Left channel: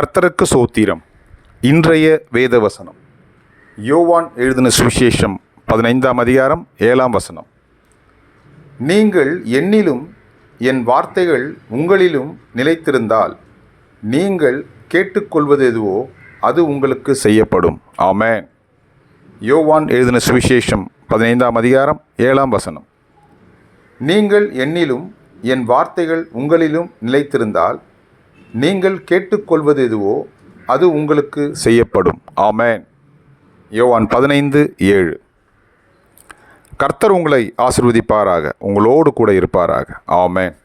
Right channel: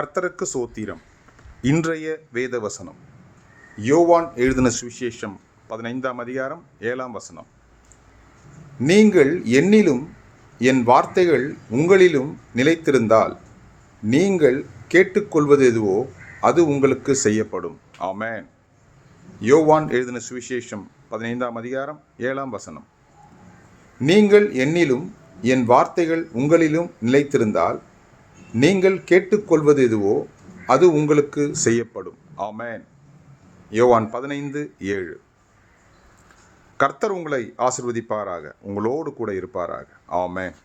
கர்த்தருக்கு சோத்திரம். இன்றைய வேதவசனம் யோவான் எழுதின சுவிசேஷம் 15ஆம் அதிகாரம் 7ஆம் வசனம். நீங்கள் என்னிலும் என் வார்த்தைகள் உங்களிலும் நிலைத்திருந்தால் நீங்கள் கேட்டுக்கொள்வது எதுவோ அது உங்களுக்கு செய்யப்படும். ஆமென். யோவான் எழுதின சுவிசேஷம் 15ஆம் அதிகாரம் 7ஆம் வசனம். நீங்கள் என்னிலும் என் வார்த்தைகள் உங்களிலும் நிலைத்திருந்தால் நீங்கள் கேட்டுக்கொள்வது எதுவோ அது உங்களுக்கு செய்யப்படும். ஆமென். யோவான் 15:7. கர்த்தர் உங்களை ஆசீர்வதிப்பாராக, உங்களோடு கூட இருப்பாராக. ஆமென்.